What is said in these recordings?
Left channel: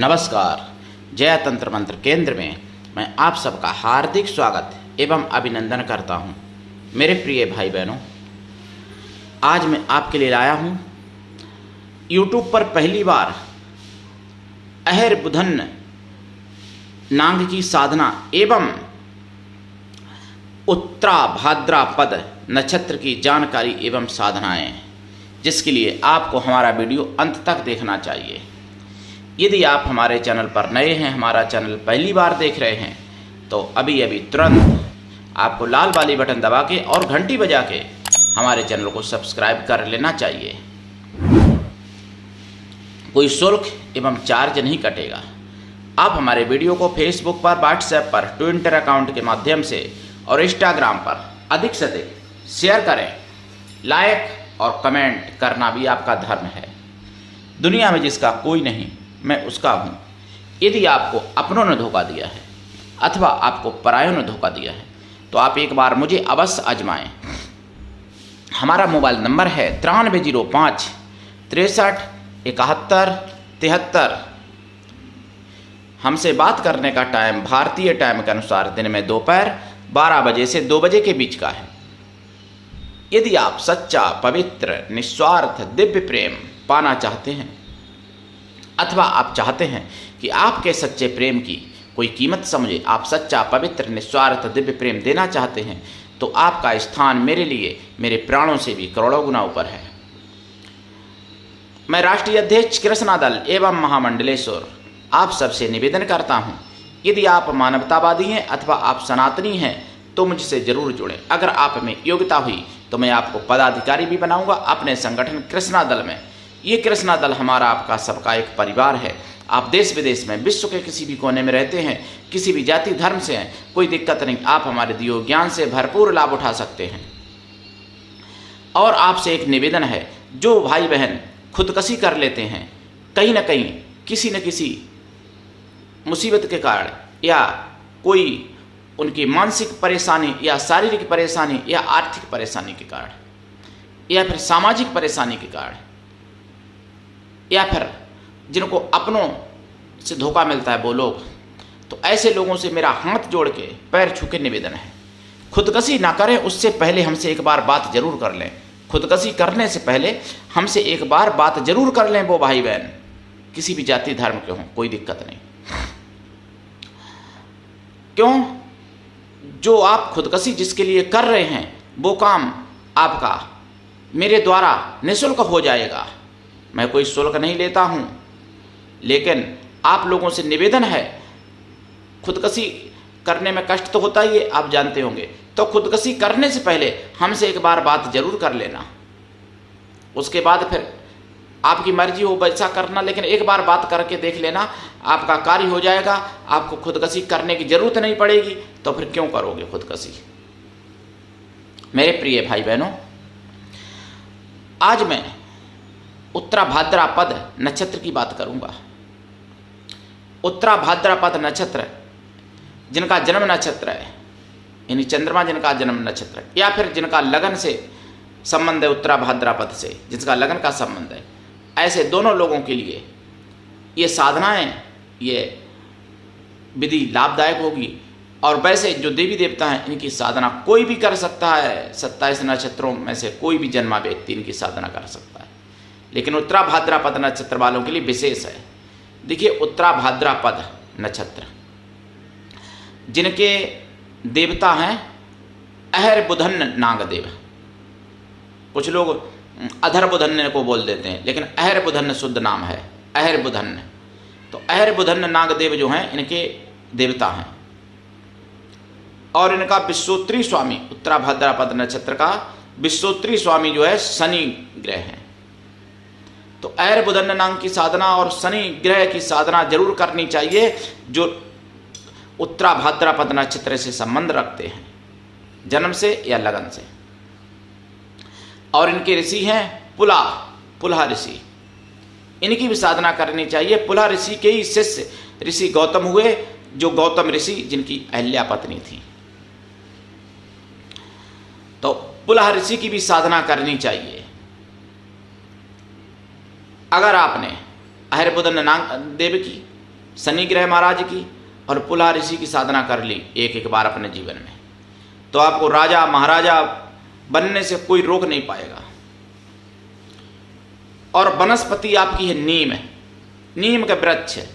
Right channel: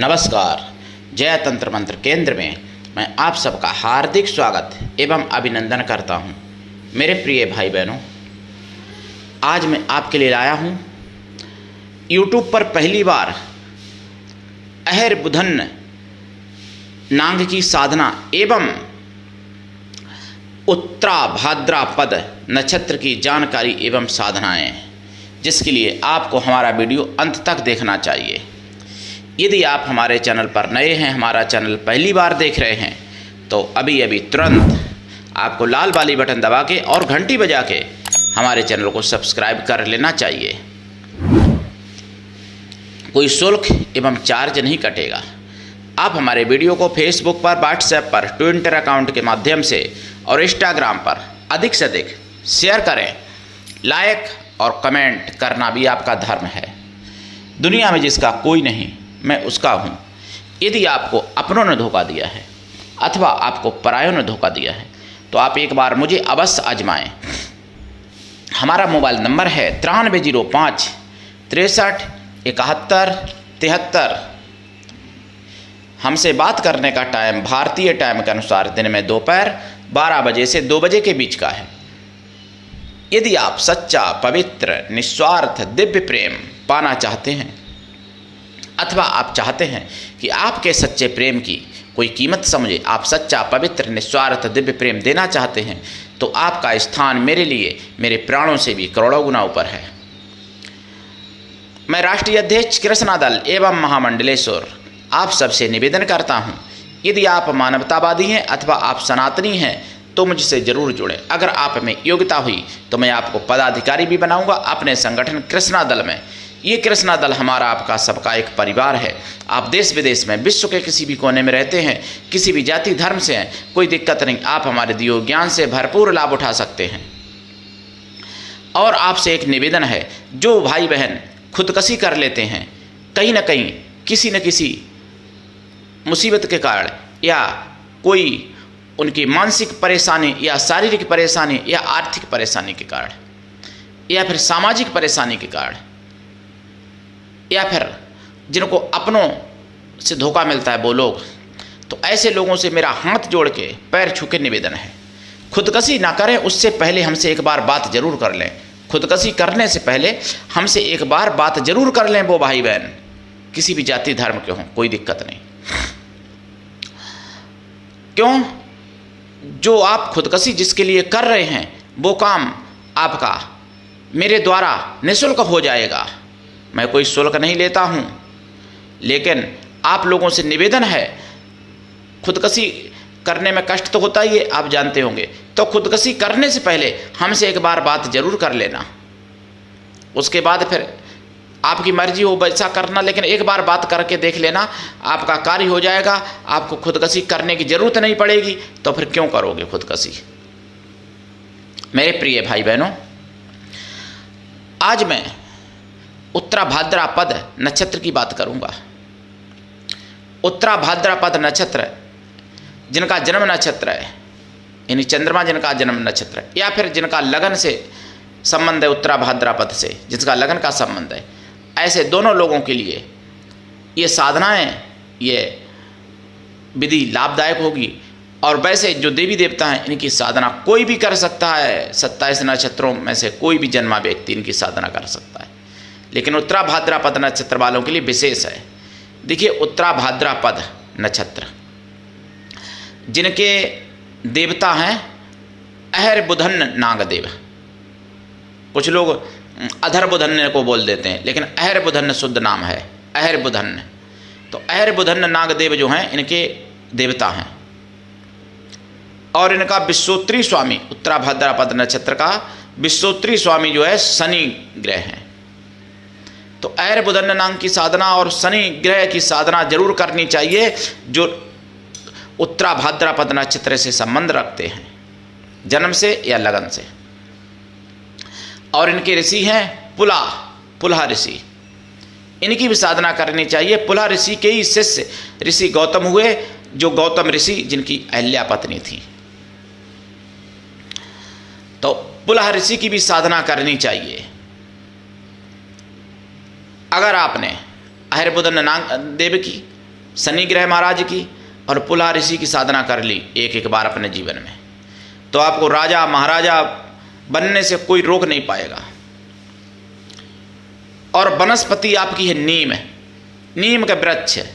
नमस्कार। जय तंत्र मंत्र केंद्र में मैं आप सबका हार्दिक स्वागत एवं अभिनंदन करता हूं। मेरे प्रिय भाई बहनों, आज मैं आपके लिए लाया हूं YouTube पर पहली बार अहर बुधन नांग की साधना एवं उत्तरा भाद्रापद नक्षत्र की जानकारी एवं साधनाएं, जिसके लिए आपको हमारा वीडियो अंत तक देखना चाहिए। यदि आप हमारे चैनल पर नए हैं, हमारा चैनल पहली बार देख रहे हैं, तो अभी तुरंत आपको लाल वाली बटन दबा के और घंटी बजा के हमारे चैनल को सब्सक्राइब कर लेना चाहिए। कोई शुल्क एवं चार्ज नहीं कटेगा। आप हमारे वीडियो को फेसबुक पर, व्हाट्सएप पर, ट्विटर अकाउंट के माध्यम से और इंस्टाग्राम पर अधिक से अधिक शेयर करें। लाइक और कमेंट करना भी आपका धर्म है। दुनिया में जिसका कोई नहीं, मैं उसका हूँ। यदि आपको अपनों ने धोखा दिया है अथवा आपको परायों ने धोखा दिया है, तो आप एक बार मुझे अवश्य आजमाएं। हमारा मोबाइल नंबर है 9305 63 71 73। हमसे बात करने का टाइम भारतीय टाइम के अनुसार दिन में दोपहर 12 बजे से 2 बजे के बीच का है। यदि आप सच्चा, पवित्र, निस्वार्थ दिव्य प्रेम पाना चाहते हैं अथवा आप चाहते हैं कि आपके सच्चे प्रेम की कोई कीमत समझे, आप सच्चा, पवित्र, निस्वार्थ दिव्य प्रेम देना चाहते हैं, तो आपका स्थान मेरे लिए मेरे प्राणों से भी करोड़ों गुना ऊपर है। मैं राष्ट्रीय अध्यक्ष कृष्णा दल एवं महामंडलेश्वर आप सबसे निवेदन करता हूं, यदि आप मानवतावादी हैं अथवा आप सनातनी हैं तो मुझसे जरूर जुड़ें। अगर आप में योग्यता हुई तो मैं आपको पदाधिकारी भी बनाऊंगा अपने संगठन कृष्णा दल में। ये कृष्णा दल हमारा, आपका, सबका एक परिवार है। आप देश विदेश में, विश्व के किसी भी कोने में रहते हैं, किसी भी जाति धर्म से हैं, कोई दिक्कत नहीं। आप हमारे दिए ज्ञान से भरपूर लाभ उठा सकते हैं। और आपसे एक निवेदन है, जो भाई बहन खुदकशी कर लेते हैं कहीं ना कहीं किसी न किसी मुसीबत के कारण, या कोई उनकी मानसिक परेशानी या शारीरिक परेशानी या आर्थिक परेशानी के कारण या फिर सामाजिक परेशानी के कारण, या फिर जिनको अपनों से धोखा मिलता है वो लोग, तो ऐसे लोगों से मेरा हाथ जोड़ के पैर छू के निवेदन है, खुदकशी ना करें। उससे पहले हमसे एक बार बात जरूर कर लें। खुदकशी करने से पहले हमसे एक बार बात जरूर कर लें। वो भाई बहन किसी भी जाति धर्म के हों, कोई दिक्कत नहीं। क्यों? जो आप खुदकशी जिसके लिए कर रहे हैं वो काम आपका मेरे द्वारा निःशुल्क हो जाएगा। मैं कोई शुल्क नहीं लेता हूं, लेकिन आप लोगों से निवेदन है, खुदकशी करने में कष्ट तो होता ही है, आप जानते होंगे। तो खुदकशी करने से पहले हमसे एक बार बात जरूर कर लेना। उसके बाद फिर आपकी मर्जी हो वैसा करना, लेकिन एक बार बात करके देख लेना, आपका कार्य हो जाएगा। आपको खुदकशी करने की जरूरत नहीं पड़ेगी, तो फिर क्यों करोगे खुदकशी? मेरे प्रिय भाई बहनों, आज मैं उत्तरा भाद्रापद नक्षत्र की बात करूंगा। उत्तरा भाद्रापद नक्षत्र जिनका जन्म नक्षत्र है, यानी चंद्रमा जिनका जन्म नक्षत्र है, या फिर जिनका लगन से संबंध है उत्तरा भाद्रापद से, जिसका लगन का संबंध है, ऐसे दोनों लोगों के लिए ये साधनाएं, ये विधि लाभदायक होगी। और वैसे जो देवी देवता हैं, इनकी साधना कोई भी कर सकता है। 27 नक्षत्रों में से कोई भी जन्मा व्यक्ति इनकी साधना कर सकता है, लेकिन उत्तरा भाद्रापद नक्षत्र वालों के लिए विशेष है। देखिए, उत्तरा भाद्रापद नक्षत्र जिनके देवता हैं अहर बुधन नागदेव, कुछ लोग अधर बुधन को बोल देते हैं, लेकिन अहर बुधन शुद्ध नाम है, अहर बुधन। तो अहर बुधन नागदेव जो हैं इनके देवता हैं, और इनका विश्वोत्तरी स्वामी, उत्तरा भाद्रापद नक्षत्र का विश्वोत्तरी स्वामी जो है शनि ग्रह है। तो अहर बुधन नाम की साधना और शनि ग्रह की साधना जरूर करनी चाहिए, जो उत्तरा भाद्रापद नक्षत्र से संबंध रखते हैं, जन्म से या लगन से। और इनके ऋषि हैं पुलह ऋषि, इनकी भी साधना करनी चाहिए। पुलह ऋषि के ही शिष्य ऋषि गौतम हुए, जो गौतम ऋषि जिनकी अहल्या पत्नी थी। तो पुलह ऋषि की भी साधना करनी चाहिए। अगर आपने अहर बुधन नाग देव की शनि ग्रह महाराज की और पुलह ऋषि की साधना कर ली एक एक बार अपने जीवन में, तो आपको राजा महाराजा बनने से कोई रोक नहीं पाएगा। और वनस्पति आपकी है नीम, नीम का वृक्ष है।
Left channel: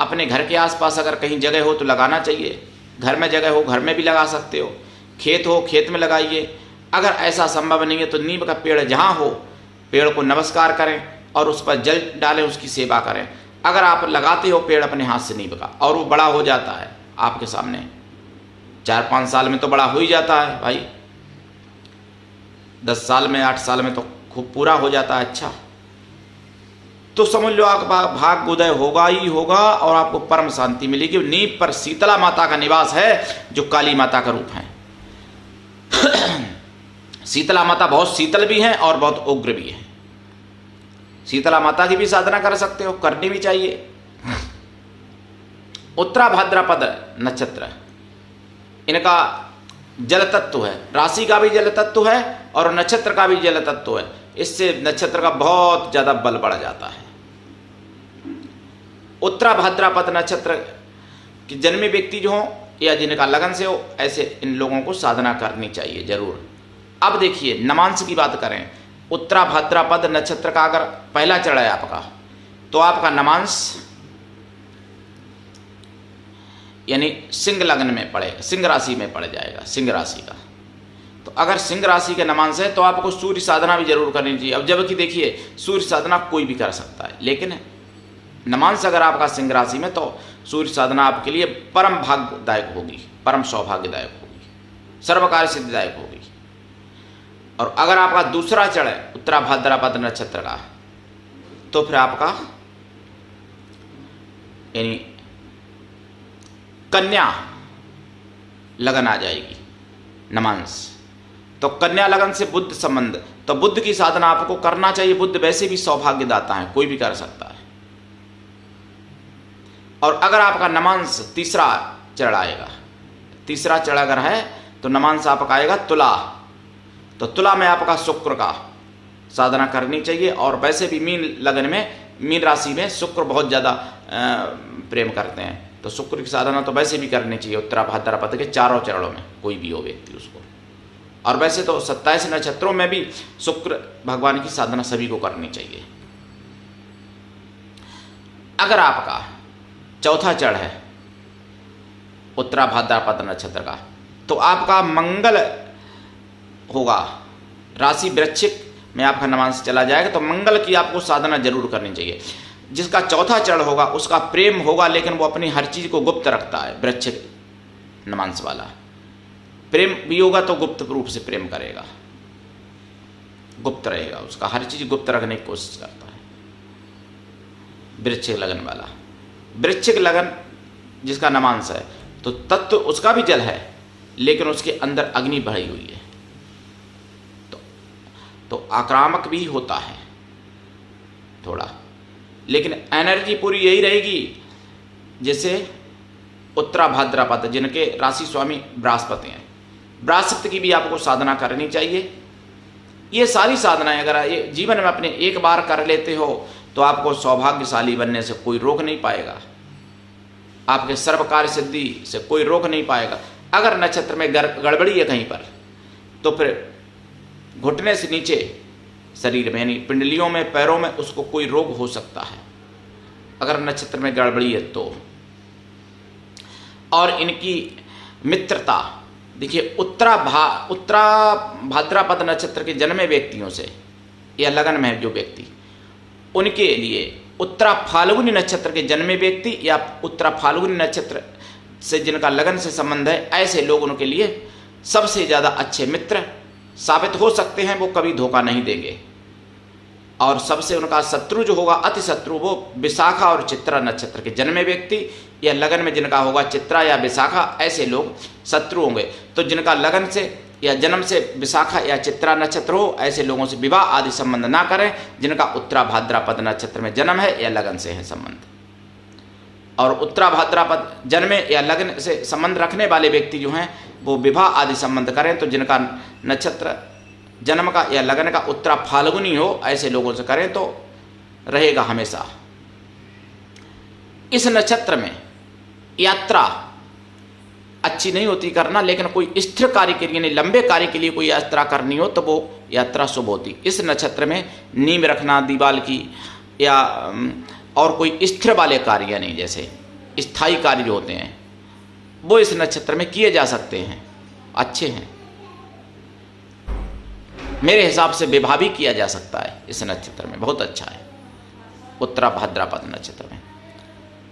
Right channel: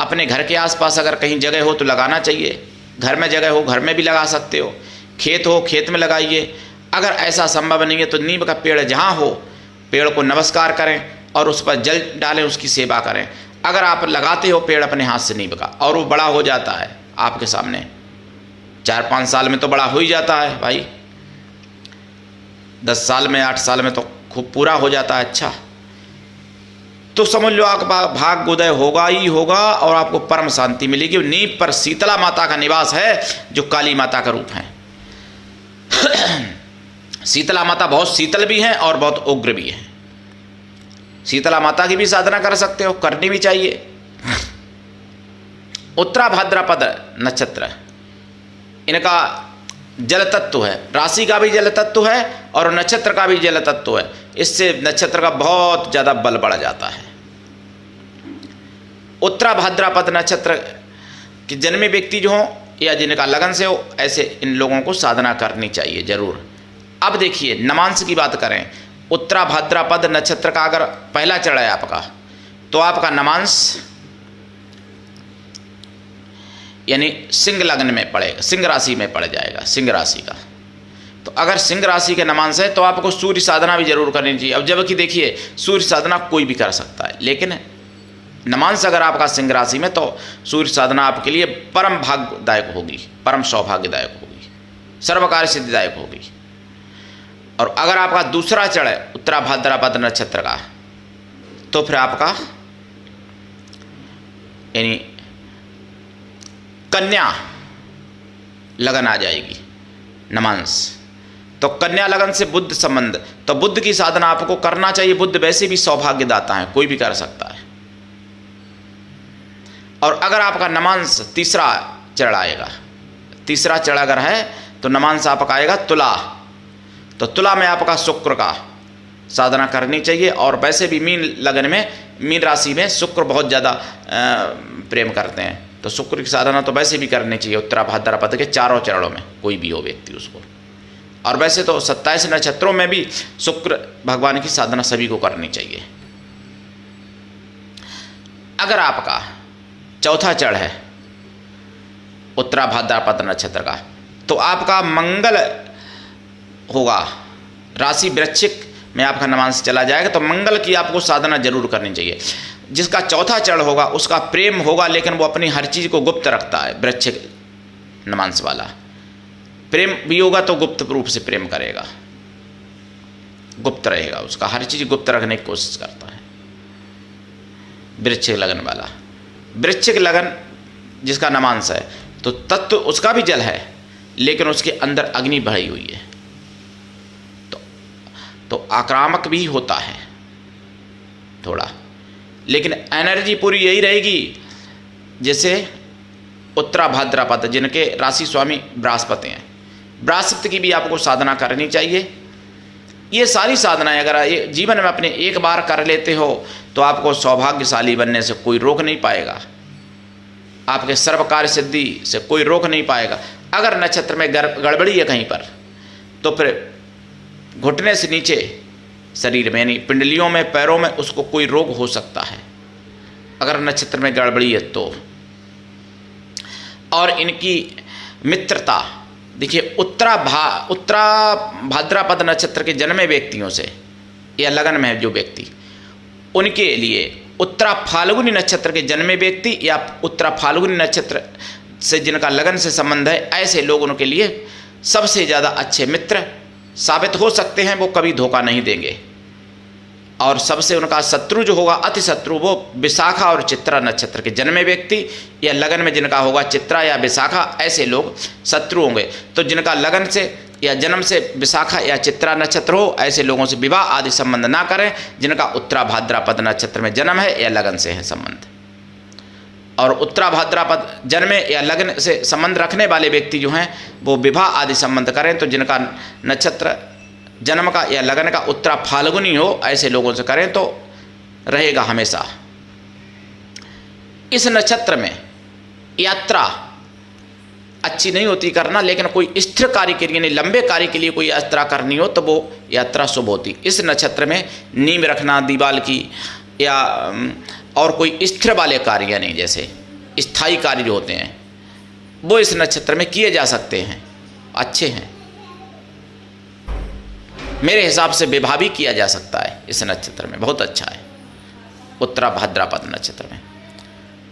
अपने घर के आसपास अगर कहीं जगह हो तो लगाना चाहिए, घर में जगह हो घर में भी लगा सकते हो, खेत हो खेत में लगाइए। अगर ऐसा संभव नहीं है तो नीम का पेड़ जहाँ हो, पेड़ को नमस्कार करें और उस पर जल डालें, उसकी सेवा करें। अगर आप लगाते हो पेड़ अपने हाथ से नीम का और वो बड़ा हो जाता है आपके सामने, 4-5 साल में तो बड़ा हो ही जाता है भाई, 10 साल में 8 साल में तो खूब पूरा हो जाता है। अच्छा, तो समझ लो आपका भाग्योदय होगा ही होगा और आपको परम शांति मिलेगी। नींव पर शीतला माता का निवास है जो काली माता का रूप है। शीतला माता बहुत शीतल भी हैं और बहुत उग्र भी हैं। शीतला माता की भी साधना कर सकते हो, करनी भी चाहिए। उत्तरा भाद्रपद नक्षत्र, इनका जल तत्व है, राशि का भी जल तत्व है और नक्षत्र का भी जल तत्व है। इससे नक्षत्र का बहुत ज़्यादा बल बढ़ जाता है। उत्तरा भाद्रपद नक्षत्र के जन्मे व्यक्ति जो हो या जिनका लगन से हो, ऐसे इन लोगों को साधना करनी चाहिए जरूर। अब देखिए नमांश की बात करें, उत्तरा भाद्रपद नक्षत्र का अगर पहला चढ़ है आपका, तो आपका नमांश यानी सिंह लग्न में पड़ेगा, सिंह राशि में पड़ जाएगा, सिंह राशि का। तो अगर सिंह राशि के नमांश है तो आपको सूर्य साधना भी जरूर करनी चाहिए। अब जबकि देखिए सूर्य साधना कोई भी कर सकता है, लेकिन नमांश अगर आपका सिंह राशि में, तो सूर्य साधना आपके लिए परम भाग्यदायक होगी, परम सौभाग्यदायक होगी, सर्वकार्य सिद्धिदायक होगी। और अगर आपका दूसरा चढ़ है उत्तरा भाद्रपद नक्षत्र का, तो फिर आपका यानी कन्या लगन आ जाएगी नमांश। तो कन्या लगन से बुद्ध संबंध, तो बुद्ध की साधना आपको करना चाहिए। बुद्ध वैसे भी सौभाग्यदाता है, कोई भी कर सकता है। और अगर आपका नमांश तीसरा चढ़ आएगा, तीसरा चढ़ अगर है तो नमांश आपका आएगा तुला, तो तुला में आपका शुक्र का साधना करनी चाहिए। और वैसे भी मीन लगन में, मीन राशि में शुक्र बहुत ज़्यादा प्रेम करते हैं, तो शुक्र की साधना तो वैसे भी करनी चाहिए उत्तरा भाद्रपद के चारों चरणों में, कोई भी हो व्यक्ति उसको। और वैसे तो 27 नक्षत्रों में भी शुक्र भगवान की साधना सभी को करनी चाहिए। अगर आपका चौथा चढ़ है उत्तरा भाद्रपद नक्षत्र का, तो आपका मंगल होगा, राशि वृश्चिक में आपका नमांश चला जाएगा, तो मंगल की आपको साधना जरूर करनी चाहिए। जिसका चौथा चढ़ होगा उसका प्रेम होगा, लेकिन वो अपनी हर चीज़ को गुप्त रखता है। वृश्चिक नमांश वाला प्रेम भी होगा तो गुप्त रूप से प्रेम करेगा, गुप्त रहेगा, उसका हर चीज़ गुप्त रखने की कोशिश करता है। वृश्चिक लगन वाला, वृश्चिक लगन जिसका नमांश है, तो तत्व उसका भी जल है, लेकिन उसके अंदर अग्नि भरी हुई है, तो आक्रामक भी होता है थोड़ा, लेकिन एनर्जी पूरी यही रहेगी जैसे उत्तरा भाद्रपद जिनके राशि स्वामी बृहस्पति हैं। बृहस्पति की भी आपको साधना करनी चाहिए। ये सारी साधनाएं अगर ये जीवन में अपने एक बार कर लेते हो तो आपको सौभाग्यशाली बनने से कोई रोक नहीं पाएगा, आपके सर्व कार्य सिद्धि से कोई रोक नहीं पाएगा। अगर नक्षत्र में गड़बड़ी है कहीं पर, तो फिर घुटने से नीचे शरीर में यानी पिंडलियों में, पैरों में उसको कोई रोग हो सकता है अगर नक्षत्र में गड़बड़ी है तो। और इनकी मित्रता देखिए, उत्तरा भाद्रपद नक्षत्र के जन्मे व्यक्तियों से या लगन में जो व्यक्ति, उनके लिए उत्तरा फाल्गुनी नक्षत्र के जन्मे व्यक्ति या उत्तरा फाल्गुनी नक्षत्र से जिनका लगन से संबंध है, ऐसे लोगों के लिए सबसे ज़्यादा अच्छे मित्र साबित हो सकते हैं। वो कभी धोखा नहीं देंगे। और सबसे उनका शत्रु जो होगा, अति शत्रु, वो विशाखा और चित्रा नक्षत्र के जन्मे व्यक्ति या लगन में जिनका होगा चित्रा या विशाखा, ऐसे लोग शत्रु होंगे। तो जिनका लगन से या जन्म से विशाखा या चित्रा नक्षत्र हो, ऐसे लोगों से विवाह आदि संबंध ना करें। जिनका उत्तरा भाद्रपद नक्षत्र में जन्म है या लगन से है संबंध, और उत्तरा भाद्रपद जन्मे या लगन से संबंध रखने वाले व्यक्ति जो हैं वो विवाह आदि संबंध करें। तो जिनका नक्षत्र जन्म का या लगन का उत्तरा फाल्गुनी हो, ऐसे लोगों से करें तो रहेगा हमेशा। इस नक्षत्र में यात्रा अच्छी नहीं होती करना, लेकिन कोई स्थिर कार्य के लिए यानी लंबे कार्य के लिए कोई यात्रा करनी हो तो वो यात्रा शुभ होती। इस नक्षत्र में नींव रखना दीवाल की या और कोई स्थिर वाले कार्य यानी जैसे स्थायी कार्य जो होते हैं वो इस नक्षत्र में किए जा सकते हैं, अच्छे हैं। मेरे हिसाब से विवाह भी किया जा सकता है इस नक्षत्र में, बहुत अच्छा है। उत्तरा भाद्रपद नक्षत्र में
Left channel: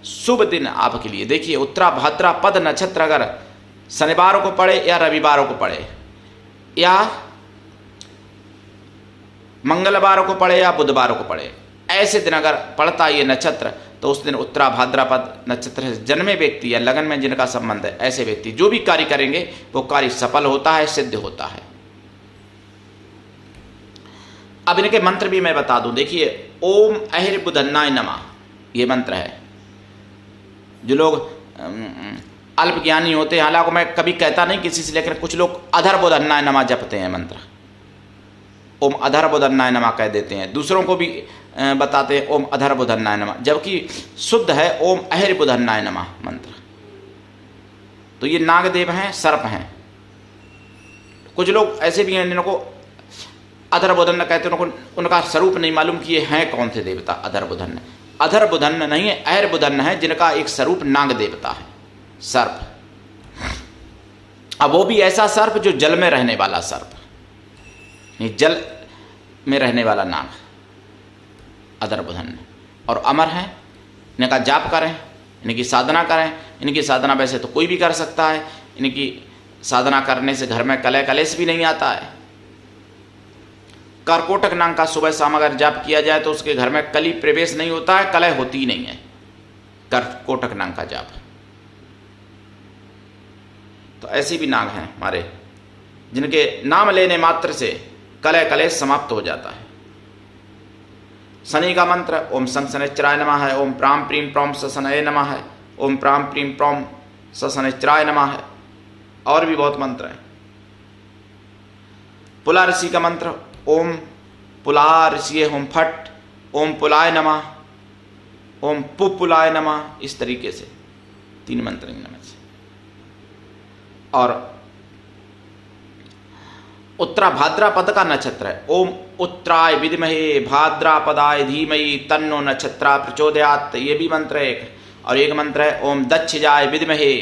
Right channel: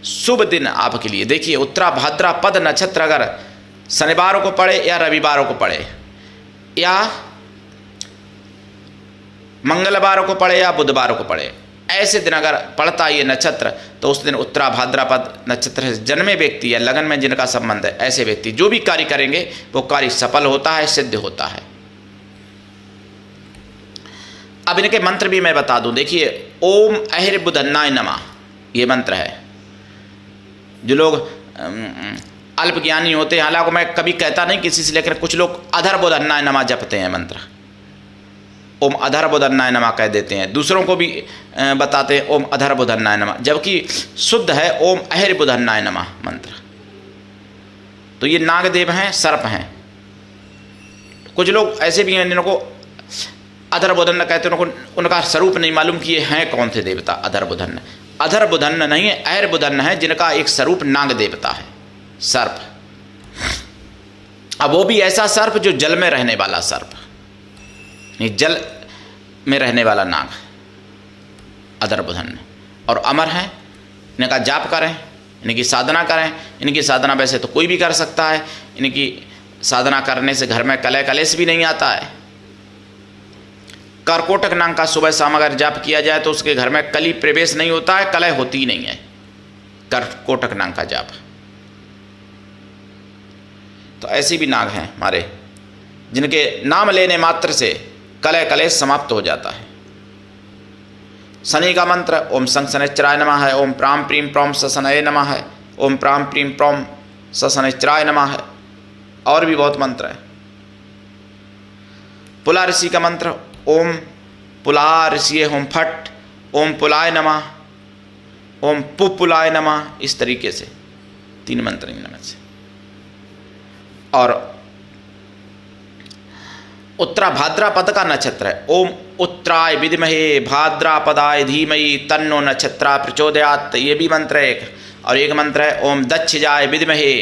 शुभ दिन आपके लिए। देखिए उत्तरा भाद्रपद नक्षत्र अगर शनिवार को पड़े या रविवार को पड़े या मंगलवार को पड़े या बुधवार को पड़े, ऐसे दिन अगर पड़ता है ये नक्षत्र तो उस दिन उत्तरा भाद्रपद नक्षत्र से जन्मे व्यक्ति या लगन में जिनका संबंध है ऐसे व्यक्ति जो भी कार्य करेंगे वो कार्य सफल होता है, सिद्ध होता है। अब इनके मंत्र भी मैं बता दूं। देखिए ओम अहिर्बुधन्नाय नमः ये मंत्र है। जो लोग अल्प ज्ञानी होते हैं, हालांकि मैं कभी कहता नहीं किसी से, लेकिन कुछ लोग अधर्बुधन्नाय नमः जपते हैं मंत्र, ओम अधर्बुधन्नाय नमः कह देते हैं, दूसरों को भी बताते हैं ओम अधर्बुधन्नाय नमः, जबकि शुद्ध है ओम अहिर्बुधन्नाय नमः मंत्र। तो ये नागदेव हैं, सर्प हैं। कुछ लोग ऐसे भी हैं जिनको अधर्बुधन्न कहते हैं, उनको उनका स्वरूप नहीं मालूम कि ये हैं कौन से देवता। अधर्बुधन्न अधर्बुधन्न नहीं है, अहिर्बुधन्न है जिनका एक स्वरूप नाग देवता है, सर्प। अब वो भी ऐसा सर्प जो जल में रहने वाला सर्प, नहीं जल में रहने वाला नाग अधर्बुधन्न, और अमर हैं। इनका जाप करें, इनकी साधना करें। इनकी साधना वैसे तो कोई भी कर सकता है, इनकी साधना करने से घर में कलह कलेश भी नहीं आता है। करकोटक नाम का सुबह शाम अगर जाप किया जाए तो उसके घर में कली प्रवेश नहीं होता है, कलह होती ही नहीं है। करकोटक नाम का जाप। तो ऐसे भी नाग हैं हमारे जिनके नाम लेने मात्र से कलह कलेश समाप्त हो जाता है। शनि का मंत्र ओम शं शनैश्चराय नमः है, ओम प्राम प्रीम प्रौम सशनये नमः है, ओम प्राम प्रीम प्रौम सशनैश्चराय नमः है। और भी बहुत मंत्र हैं। पुला ऋषि का मंत्र ओम पुला ऋषि होम फट, ओम पुलाय नमः, ओम पुपुलाय नमः। इस तरीके से 3 मंत्र इनमें से। और उत्तरा भाद्रपद का नक्षत्र है। ओम उत्तराय विद्महे भाद्रपदाय धीमहि तन्नो नक्षत्रा प्रचोदयात्, ये भी मंत्र है एक। और एक मंत्र है ओम दक्षजाय विद्महे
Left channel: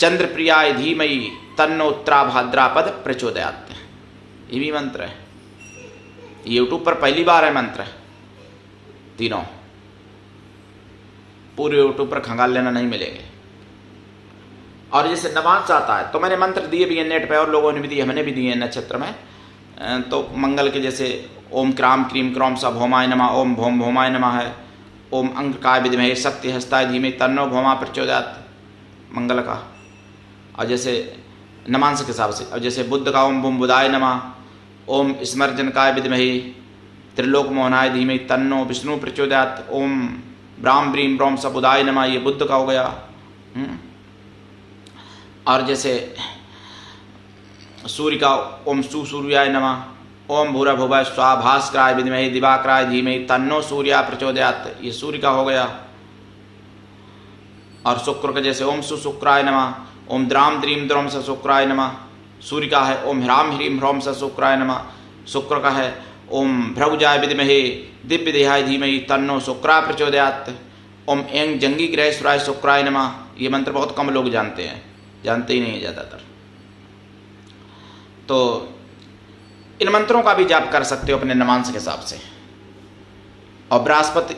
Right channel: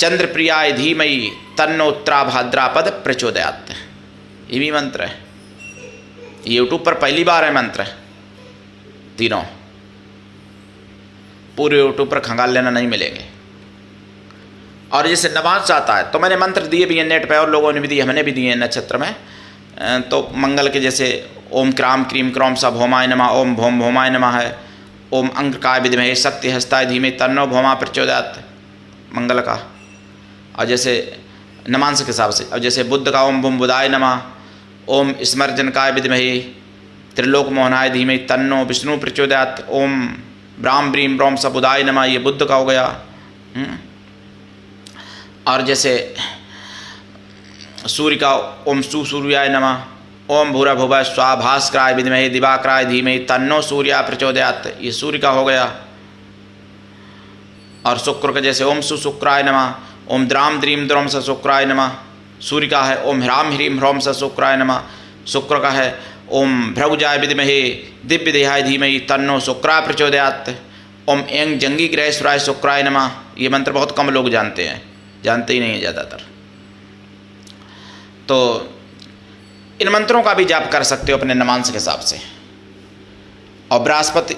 चंद्रप्रियाय धीमहि तन्नो उत्तरा भाद्रपद प्रचोदयात्, ये भी मंत्र है। यूट्यूब पर पहली बार है मंत्र तीनों, पूरे यूट्यूब पर खंगाल लेना नहीं मिलेंगे। और जैसे नवांश आता है तो मैंने मंत्र दिए भी हैं नेट पे, और लोगों ने भी दिए, हमने भी दिए हैं नक्षत्र में। तो मंगल के जैसे ओम क्राम क्रीम क्रौम स भौमाय नमः, ओम भौम भौमाय नमः है, ओम अंगकाय विद्महे शक्ति हस्ताय धीमहि तन्नो भौमा प्रचोदयात् मंगल का। और जैसे नमांश के हिसाब से, और जैसे बुद्ध का ओम बुम बुधाय नमः, ओम स्मर्जनकाय विद्महे त्रिलोक मोहनाय धीमहि तन्नो विष्णु प्रचोदयात्, ओम ब्राह्म ब्रीम ब्रह्म स बुधाय नमः, ये बुद्ध का हो गया। और जैसे सूर्य का ओम सुसूर्याय नमः, ओम भूरा भुवा स्वाभास्कराय विद्महे दिवाकराय धीमहि तन्नो सूर्या प्रचोदयात्, ये सूर्य का हो गया। और शुक्र का जैसे ओम सुशुक्राय नमः, ओम द्राम द्रीम द्रोम स शुक्राय नमः, सूर्य का है ओम ह्राम ह्रीम ह्रोम स शुक्राय नमः। शुक्र का है ओम भ्रगुजाय विद्महे दिव्य देहाय धीमहि तन्नो शुक्रा प्रचोदयात्, ओम एंग जंगी ग्रहेश्वराय शुक्राय नमः। ये मंत्र बहुत कम लोग जानते हैं, जानते ही नहीं है ज़्यादातर। तो इन मंत्रों का भी जाप कर सकते हो अपने नमांश के हिसाब से। और बृहस्पति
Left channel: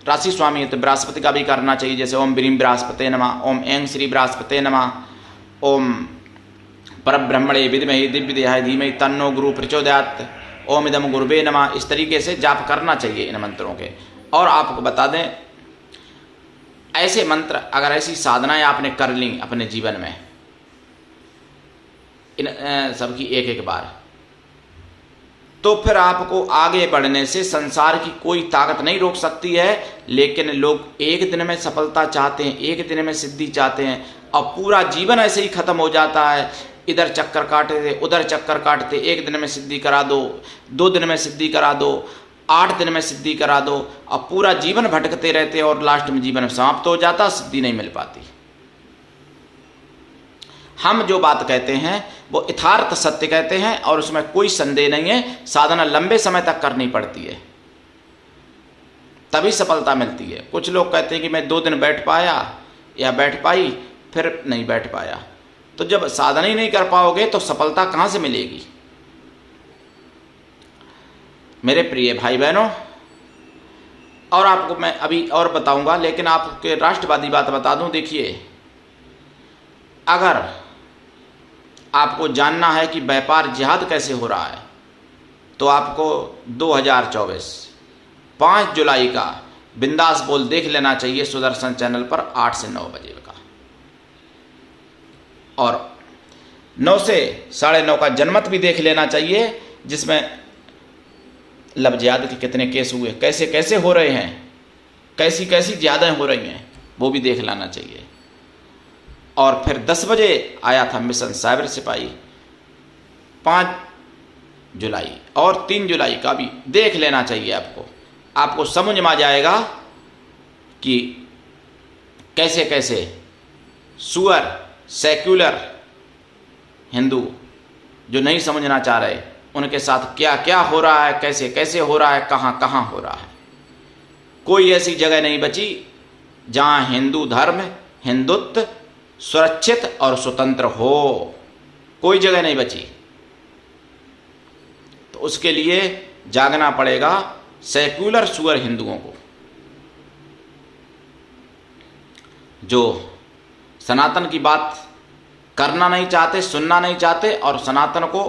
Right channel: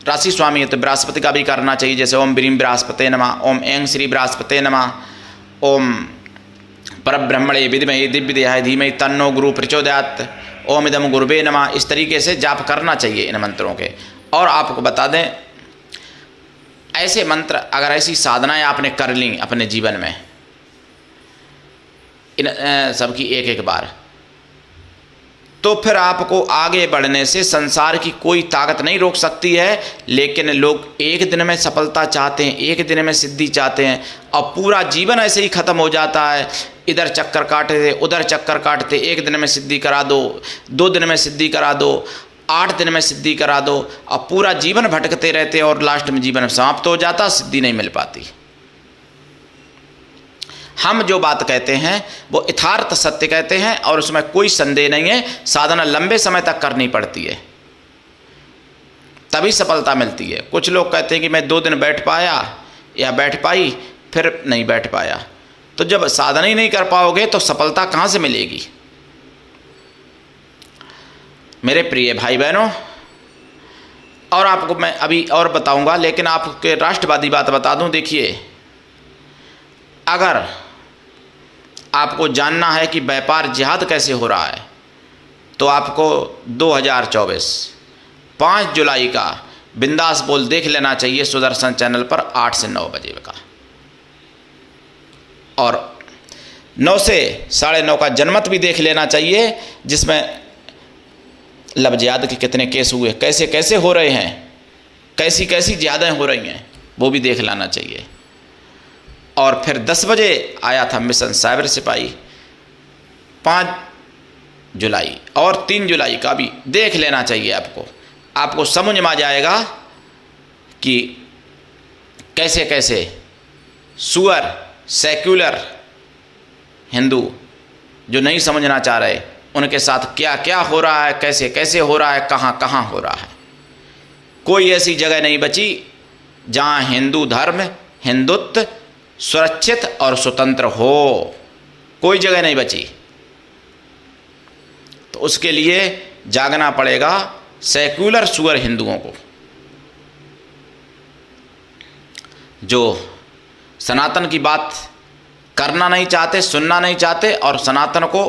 राशि स्वामी है तो बृहस्पति का भी करना चाहिए, जैसे ओम ब्रीम बृहस्पते नमः, ओम एंग श्री बृहस्पते नमः, ओम परब्रह्मणे विद्महे दिव्य देहाय धीमहि तन्नो गुरु प्रचोदयात्, ओम इदम गुरुवे नमः। इस तरीके से जाप करना चाहिए इन मंत्रों के। और आपको बता दें, ऐसे मंत्र अगर ऐसी साधनाएं आपने कर ली अपने जीवन में इन सबकी एक एक बार, तो फिर आपको आगे बढ़ने से संसार की कोई ताकत नहीं रोक सकती है। लेकिन लोग एक दिन में सफलता चाहते हैं, एक दिन में सिद्धि चाहते हैं, और पूरा जीवन ऐसे ही ख़त्म हो जाता है। इधर चक्कर काटते उधर चक्कर काटते, एक दिन में सिद्धि करा दो, 2 दिन में सिद्धि करा दो, 8 दिन में सिद्धि करा दो, और पूरा जीवन भटकते रहते और लास्ट में जीवन समाप्त हो जाता, सिद्धि नहीं मिल पाती। हम जो बात कहते हैं वो यथार्थ सत्य कहते हैं और उसमें कोई संदेह नहीं है। साधना लंबे समय तक करनी पड़ती है, तभी सफलता मिलती है। कुछ लोग कहते हैं कि मैं 2 दिन बैठ पाया या बैठ पाई, फिर नहीं बैठ पाया। तो जब साधना ही नहीं कर पाओगे तो सफलता कहाँ से मिलेगी? मेरे प्रिय भाई बहनों, और आपको मैं अभी और बताऊंगा, लेकिन आपके राष्ट्रवादी बात बता दूं। देखिए, अगर आपको जानना है कि व्यापार जिहाद कैसे हो रहा है, तो आपको 2024 5 जुलाई का बिंदास बोल देख लेना चाहिए सुदर्शन चैनल पर 8 से 9 बजे का, और 9 से 9:30 का जनमत भी देख लेना चाहिए, जिसमें लव जिहाद के कितने केस हुए, कैसे कैसे हो रहे हैं, कैसी कैसी ज़्यादा हो रही हैं, वो भी देख लेना चाहिए। और फिर 10 बजे आया था मिशन साइबर सिपाही 5 जुलाई, और 3 जुलाई का भी देख लेना चाहिए। आपको समझ में आ जाएगा कि कैसे कैसे सुअर सेक्युलर हिंदू जो नहीं समझना चाह रहे, उनके साथ क्या क्या हो रहा है, कैसे कैसे हो रहा है, कहाँ कहाँ हो रहा है। कोई ऐसी जगह नहीं बची जहाँ हिंदू धर्म, हिंदुत्व सुरक्षित और स्वतंत्र हो, कोई जगह नहीं बची। तो उसके लिए जागना पड़ेगा सेक्युलर सुअर हिंदुओं को, जो सनातन की बात करना नहीं चाहते, सुनना नहीं चाहते, और सनातन को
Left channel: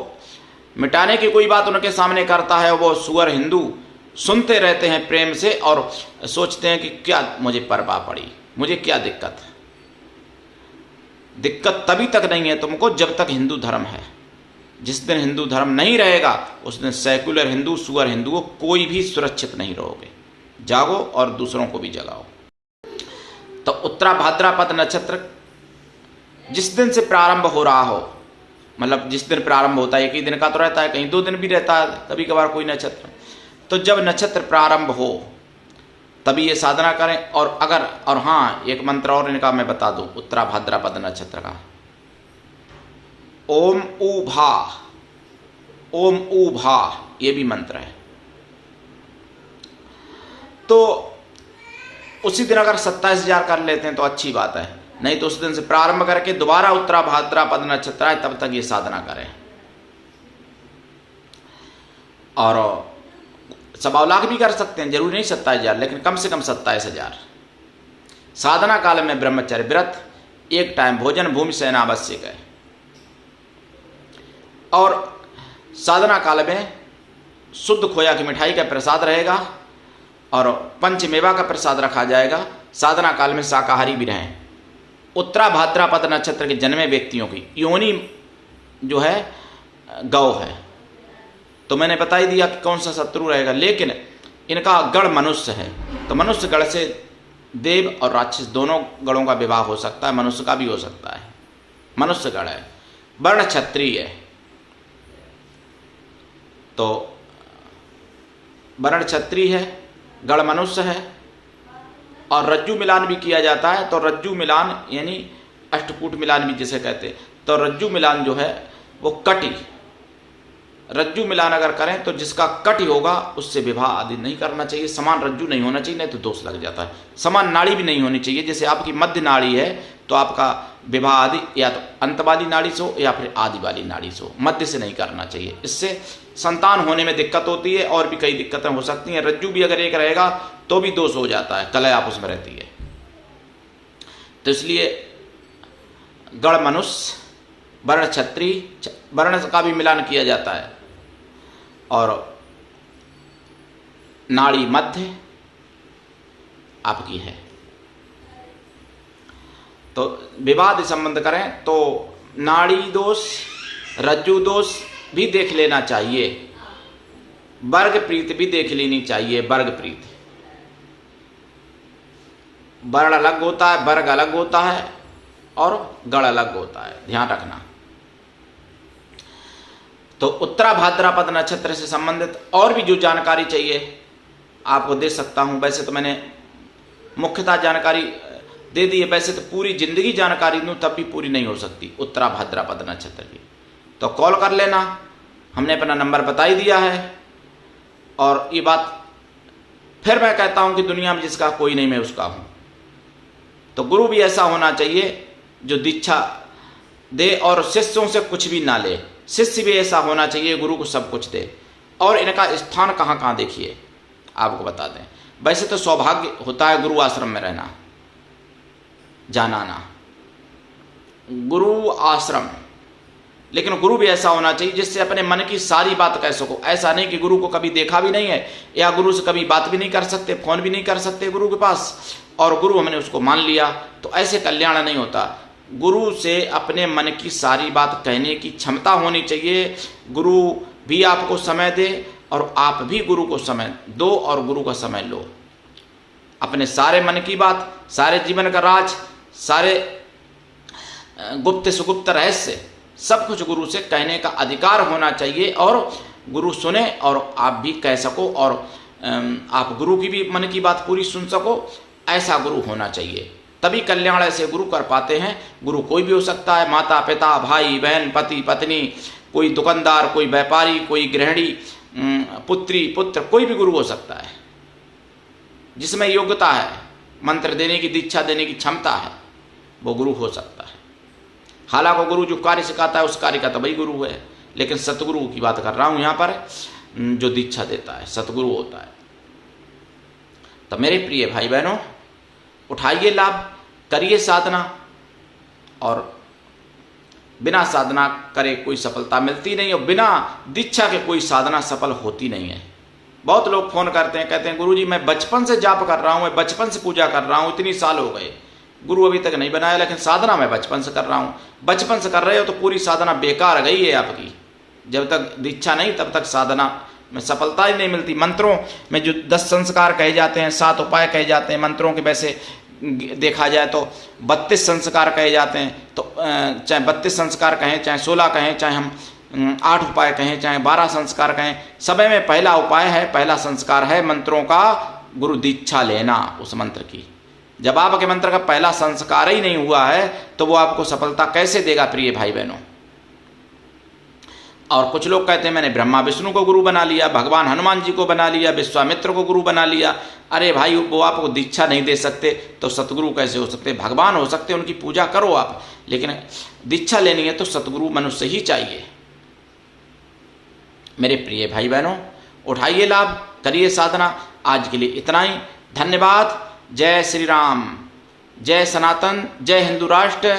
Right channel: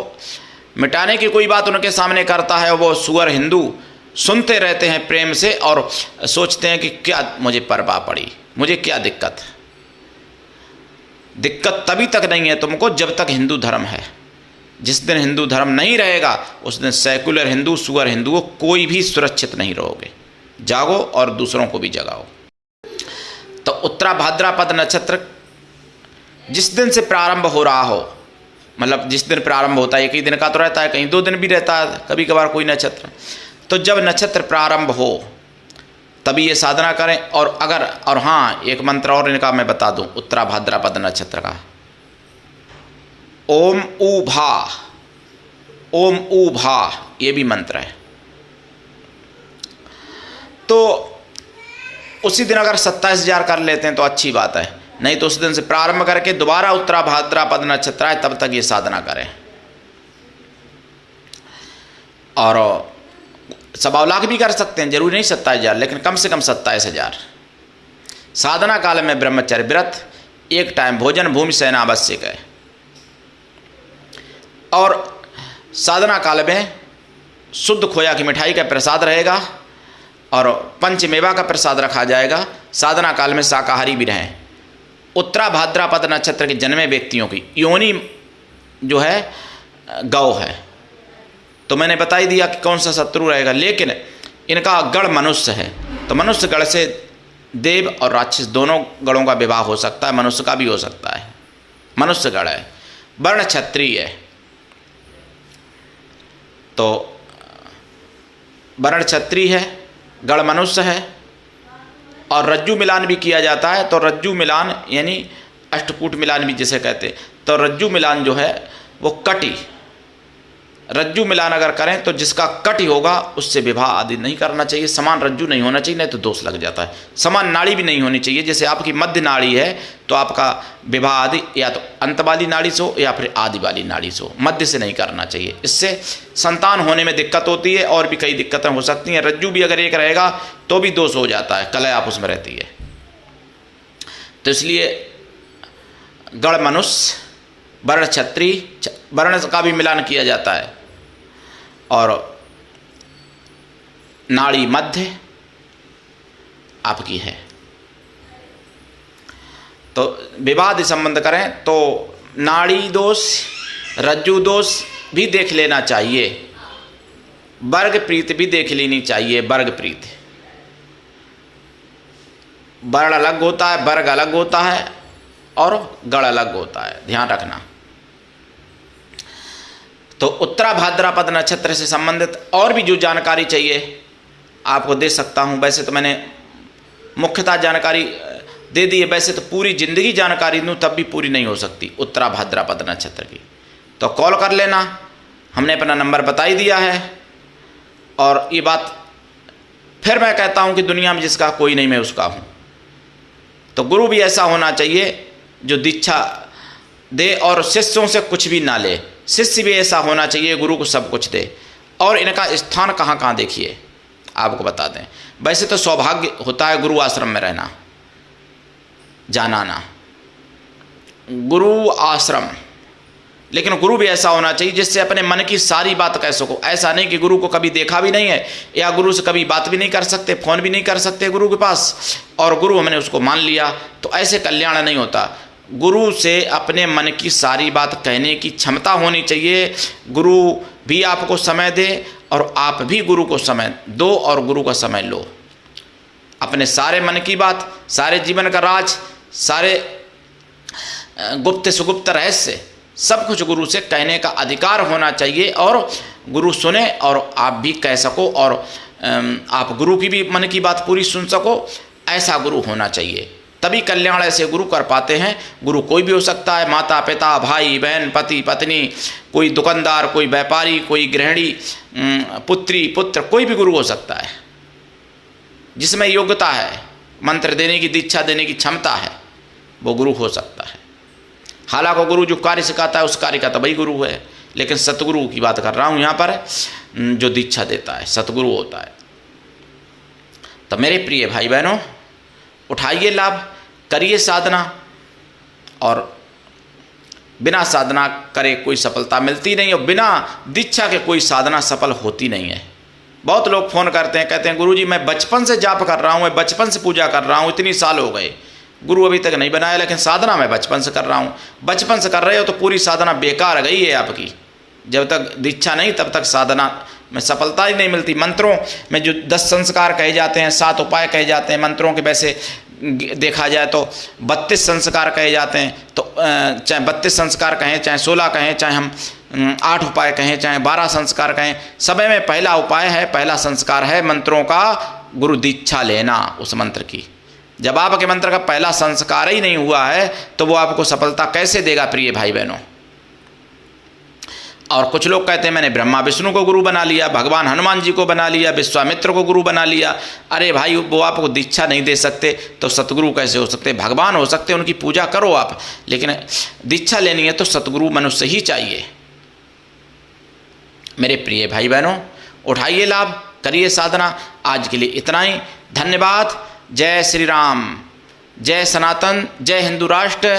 मिटाने की कोई बात उनके सामने करता है, वो सुअर हिंदू सुनते रहते हैं प्रेम से और सोचते हैं कि क्या मुझे परवाह पड़ी, मुझे क्या दिक्कत है। दिक्कत तभी तक नहीं है तुमको जब तक हिंदू धर्म है। जिस दिन हिंदू धर्म नहीं रहेगा उस दिन सेकुलर हिंदू, सुअर हिंदुओं कोई भी सुरक्षित नहीं रहोगे। जागो और दूसरों को भी जगाओ। तो उत्तरा भाद्रपद नक्षत्र जिस दिन से प्रारंभ हो रहा हो, मतलब जिस दिन प्रारंभ होता है, एक ही दिन का तो रहता है, कहीं 2 दिन भी रहता है कभी कभार कोई नक्षत्र। तो जब नक्षत्र प्रारंभ हो तभी ये साधना करें। और हाँ, एक मंत्र और इनका मैं बता दूं उत्तरा भाद्रपद नक्षत्र का, ओम ऊ भा, ओम ऊ भा, ये भी मंत्र है। तो उसी दिन अगर 27,000 कर लेते हैं तो अच्छी बात है, नहीं तो उस दिन से प्रारंभ करके दोबारा उत्तरा भाद्रपद नक्षत्र है तब तक ये साधना करें। और 1.25 लाख भी कर सकते हैं, जरूरी नहीं 27,000, लेकिन कम से कम 27,000। साधना काल में ब्रह्मचर्य व्रत, 1 टाइम भोजन, भूमि शयन आवश्यक है। और साधना काल में शुद्ध खोया की मिठाई का प्रसाद रहेगा और पंचमेवा का प्रसाद रखा जाएगा। साधना काल में शाकाहारी भी रहें। उत्तरा भाद्रपद नक्षत्र के जन्मे व्यक्तियों की योनि जो है गौ है, तो मैंने बता ही दिया कि कौन सा शत्रु रहेगा। लेकिन इनका गण मनुष्य है, तो मनुष्य गण से देव और राक्षस दोनों गणों का विवाह हो सकता है, मनुष्य का भी हो सकता है। मनुष्य गण है, वर्ण क्षत्रिय है, तो वर्ण क्षत्रिय है, गण मनुष्य है। और रज्जु मिलान भी किया जाता है, तो रज्जु मिलान यानी अष्टकूट मिलान भी जिसे कहते हैं, तो रज्जु मिलान जो है वो कटी, रज्जु मिलान अगर करें तो जिसका कटी होगा उससे विवाह आदि नहीं करना चाहिए। समान रज्जु नहीं होना चाहिए, नहीं तो दोष लग जाता है। समान नाड़ी भी नहीं होनी चाहिए, जैसे आपकी मध्य नाड़ी है तो आपका विवाह आदि या तो अंत वाली नाड़ी से हो या फिर आदि वाली नाड़ी से हो, मध्य से नहीं करना चाहिए। इससे संतान होने में दिक्कत होती है और भी कई दिक्कतें हो सकती हैं। रज्जु भी अगर एक रहेगा तो भी दोष हो जाता है, कलह आपस में रहती है। तो इसलिए गण मनुष्य, वर्ण क्षत्रिय, वर्ण का भी मिलान किया जाता है, और नाड़ी मध्य आपकी है। तो विवाह संबंध करें तो नाड़ी दोष, रज्जु दोष भी देख लेना चाहिए, वर्ग प्रीत भी देख लेनी चाहिए। वर्ग प्रीत, वर्ण अलग होता है, वर्ग अलग होता है और गण अलग होता है, ध्यान रखना। तो उत्तरा भाद्रपद नक्षत्र से संबंधित और भी जो जानकारी चाहिए आपको दे सकता हूँ। वैसे तो मैंने मुख्यतः जानकारी दे दी है, वैसे तो पूरी ज़िंदगी जानकारी दूँ तब भी पूरी नहीं हो सकती उत्तरा भाद्रपद नक्षत्र की। तो कॉल कर लेना, हमने अपना नंबर बता ही दिया है। और ये बात फिर मैं कहता हूँ कि दुनिया में जिसका कोई नहीं मैं उसका हूँ। तो गुरु भी ऐसा होना चाहिए जो दीक्षा दे और शिष्यों से कुछ भी ना ले। शिष्य भी ऐसा होना चाहिए गुरु को सब कुछ दे। और इनका स्थान कहाँ कहाँ देखिए आपको बता दें। वैसे तो सौभाग्य होता है गुरु आश्रम में रहना, जाना आना, गुरु आश्रम, लेकिन गुरु भी ऐसा होना चाहिए जिससे अपने मन की सारी बात कह सको। ऐसा नहीं कि गुरु को कभी देखा भी नहीं है या गुरु से कभी बात भी नहीं कर सकते, फ़ोन भी नहीं कर सकते गुरु के पास, और गुरु हमने उसको मान लिया, तो ऐसे कल्याण नहीं होता। गुरु से अपने मन की सारी बात कहने की क्षमता होनी चाहिए। गुरु भी आपको समय दे और आप भी गुरु को समय दो और गुरु का समय लो। अपने सारे मन की बात, सारे जीवन का राज, सारे गुप्त सुगुप्त रहस्य सब कुछ गुरु से कहने का अधिकार होना चाहिए, और गुरु सुने और आप भी कह सको, और आप गुरु की भी मन की बात पूरी सुन सको। ऐसा गुरु होना चाहिए, तभी कल्याण ऐसे गुरु कर पाते हैं। गुरु कोई भी हो सकता है, माता पिता, भाई बहन, पति पत्नी, कोई दुकानदार, कोई व्यापारी, कोई गृहिणी, पुत्री पुत्र, कोई भी गुरु हो सकता है जिसमें योग्यता है, मंत्र देने की, दीक्षा देने की क्षमता है, वो गुरु हो सकता है। हालांकि गुरु जो कार्य सिखाता है उस कार्य का तो वही गुरु है, लेकिन सतगुरु की बात कर रहा हूँ यहाँ पर, जो दीक्षा देता है सतगुरु होता है। तो मेरे प्रिय भाई बहनों, उठाइए लाभ, करिए साधना, और बिना साधना करे कोई सफलता मिलती नहीं, और बिना दीक्षा के कोई साधना सफल होती नहीं है। बहुत लोग फ़ोन करते हैं, कहते हैं गुरुजी मैं बचपन से जाप कर रहा हूँ, मैं बचपन से पूजा कर रहा हूँ, इतनी साल हो गए, गुरु अभी तक नहीं बनाया, लेकिन साधना मैं बचपन से कर रहा हूँ। बचपन से कर रहे हो तो पूरी साधना बेकार गई है आपकी। जब तक दीक्षा नहीं तब तक साधना में सफलता ही नहीं मिलती। मंत्रों में जो 10 संस्कार कहे जाते हैं, 7 उपाय कहे जाते हैं, मंत्रों के वैसे देखा जाए तो 32 संस्कार कहे जाते हैं। तो चाहे 32 संस्कार कहें, चाहे 16 कहें, चाहे हम 8 उपाय कहें, चाहे 12 संस्कार कहें, सब में पहला उपाय है, पहला संस्कार है मंत्रों का गुरु दीक्षा लेना उस मंत्र की। जब आपके मंत्र का पहला संस्कार ही नहीं हुआ है तो वो आपको सफलता कैसे देगा प्रिय भाई बहनों। और कुछ लोग कहते हैं मैंने ब्रह्मा विष्णु को गुरु बना लिया, भगवान हनुमान जी को बना लिया, विश्वामित्र को गुरु बना लिया। अरे भाई, वो आपको दीक्षा नहीं दे सकते तो सतगुरु कैसे हो सकते? भगवान हो सकते, उनकी पूजा करो आप, लेकिन दीक्षा लेनी है तो सतगुरु मनुष्य ही चाहिए। मेरे प्रिय भाई बहनों, उठाइए लाभ, करिए साधना। आज के लिए इतना ही, धन्यवाद। जय श्री राम, जय सनातन, जय हिंदू राष्ट्र।